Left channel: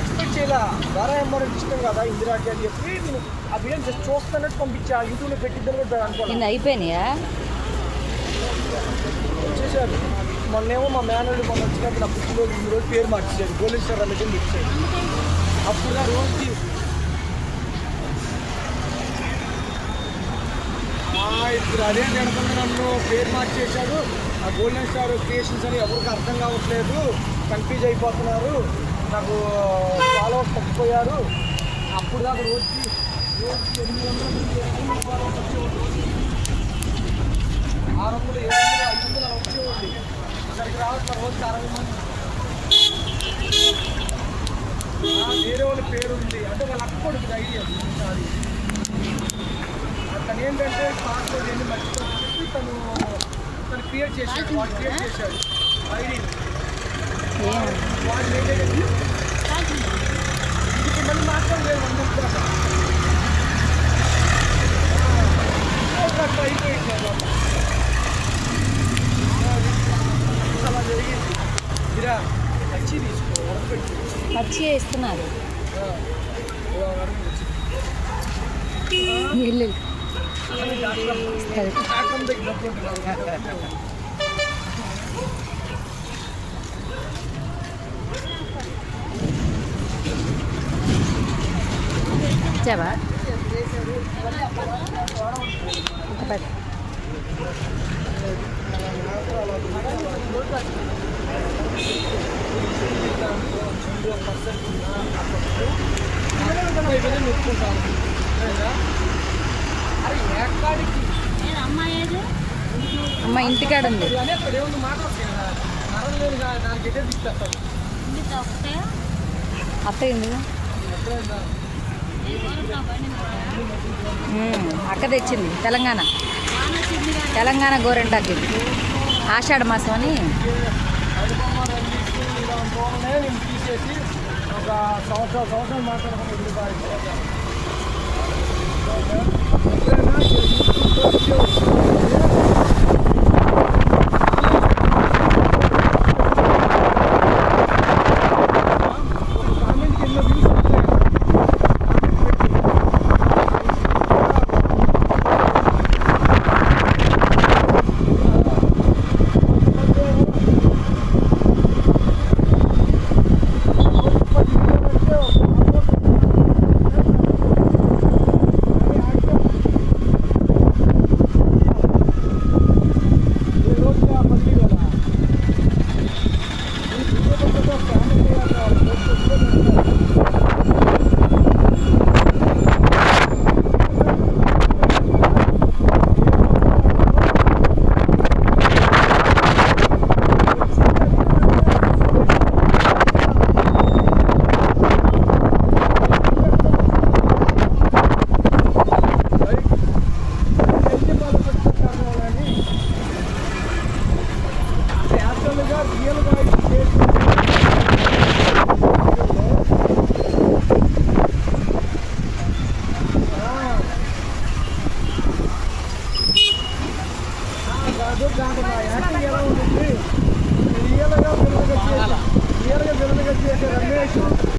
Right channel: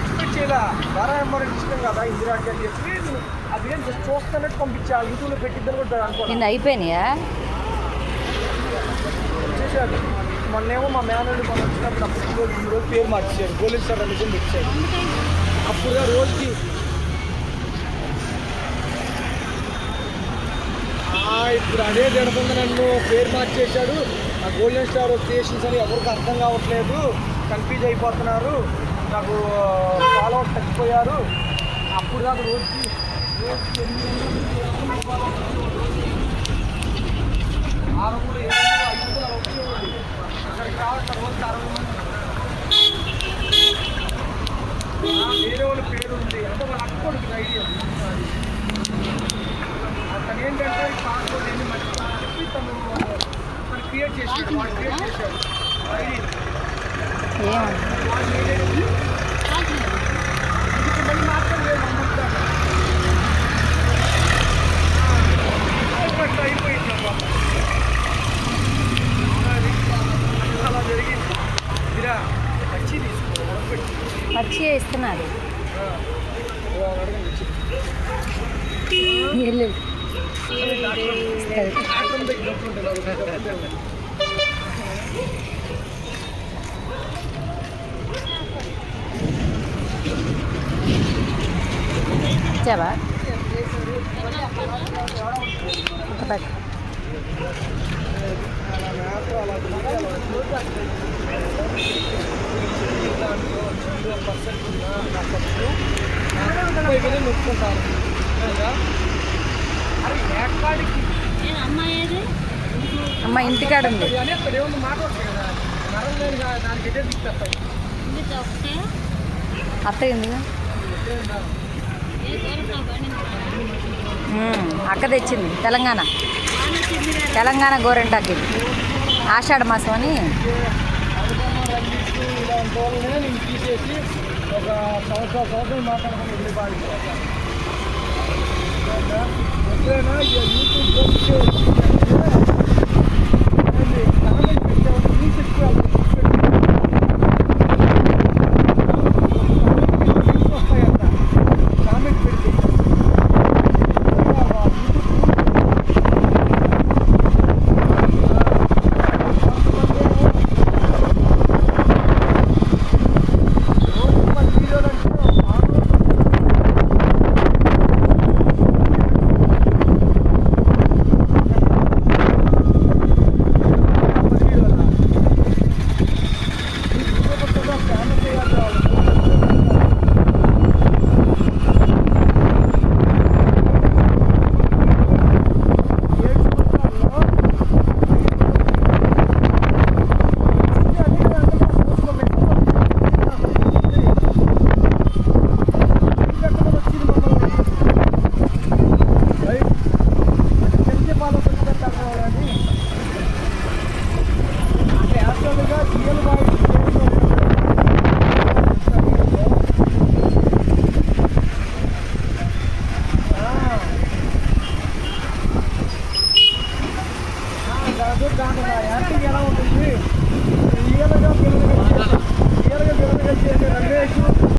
Expect చేయలే ద్వారా ఎంఆర్ఎంట్ ఇష్టం కదా ఇందిరాకి అని చెప్పి నేను అది ఏం జస్ట్ చూస్తున్నట్టు పంపించా యూట్యూబ్లో పెట్టిద్దని కూడా అనుకోండి. అయిపోయినాయా వచ్చేసారు. మొన్నేమో మా మేనల్ని మొన్న వచ్చినప్పుడు అప్పుడు రోజు పేరు మార్చారు పోలీస్ సార్ రమేషన్ ఇచ్చారు. అప్పుడు రోజుకి ఇప్పుడు అదే జరుగుతుంది. నన్ను పేరు మార్చేశాడు. గోల్డెన్ స్టార్ క్రియేషన్స్ అని ఎవరికి అర్థం కావట్లేదు, కన్ఫ్యూజ్ అయిపోతున్నారు, నాకు ఫాలోవర్స్ తగ్గిపోయారు. అప్పుడు దాకా రోజుకి 800 ఫాలోవర్స్ వచ్చేవాడు, 600 700 500 అలా వచ్చేవాడు. అక్కడికి రావాల్సిన రోజుకి 60 మంది. వేరే వాళ్ళ పేరు ఉంది అంటే వాళ్ళ అక్కడికి ఐడియా అది. అతను ఏంటంటే పాస్పోర్ట్ ఎన్ని మర్చిపోయి చెప్పి తను క్రియేట్ చేశాడు. వాడు క్రియేట్ చేశాడు ఇది మళ్ళీ మాత్రం లేదు 1 month దాకా అయిపోయింది అన్నమాట. అది అలా జరిగింది. ఇరా పచ్చి తీసుకో ఉడకపెట్టి పచ్చి ఇస్తున్నారు. ఇచ్చావా నొప్పుకుంటాను. అరే ఎక్కడికి అమ్మ ఇంటికాడ ఉంది అని అక్కడ ఏమన్నా మాట వస్తాయి కదా, నరం లేదు దానికి ఎదే దిక్కేస్తాడు. అత్త ఎందుకు అక్క తెచ్చింది తెలంగాణ గోరెంటాకి ఆషాఢ మాసం అని. తీసేసి ఒక సంవత్సరం మాట్లాడుకుని ఇల్లు బాగా ఎప్పుడైనా యూట్యూబ్లో వీడియో రియల్ వాయిస్ దాంట్లో యాక్టింగ్ ఎలా ఉంటుంది. రియల్గా చేసే రమేష్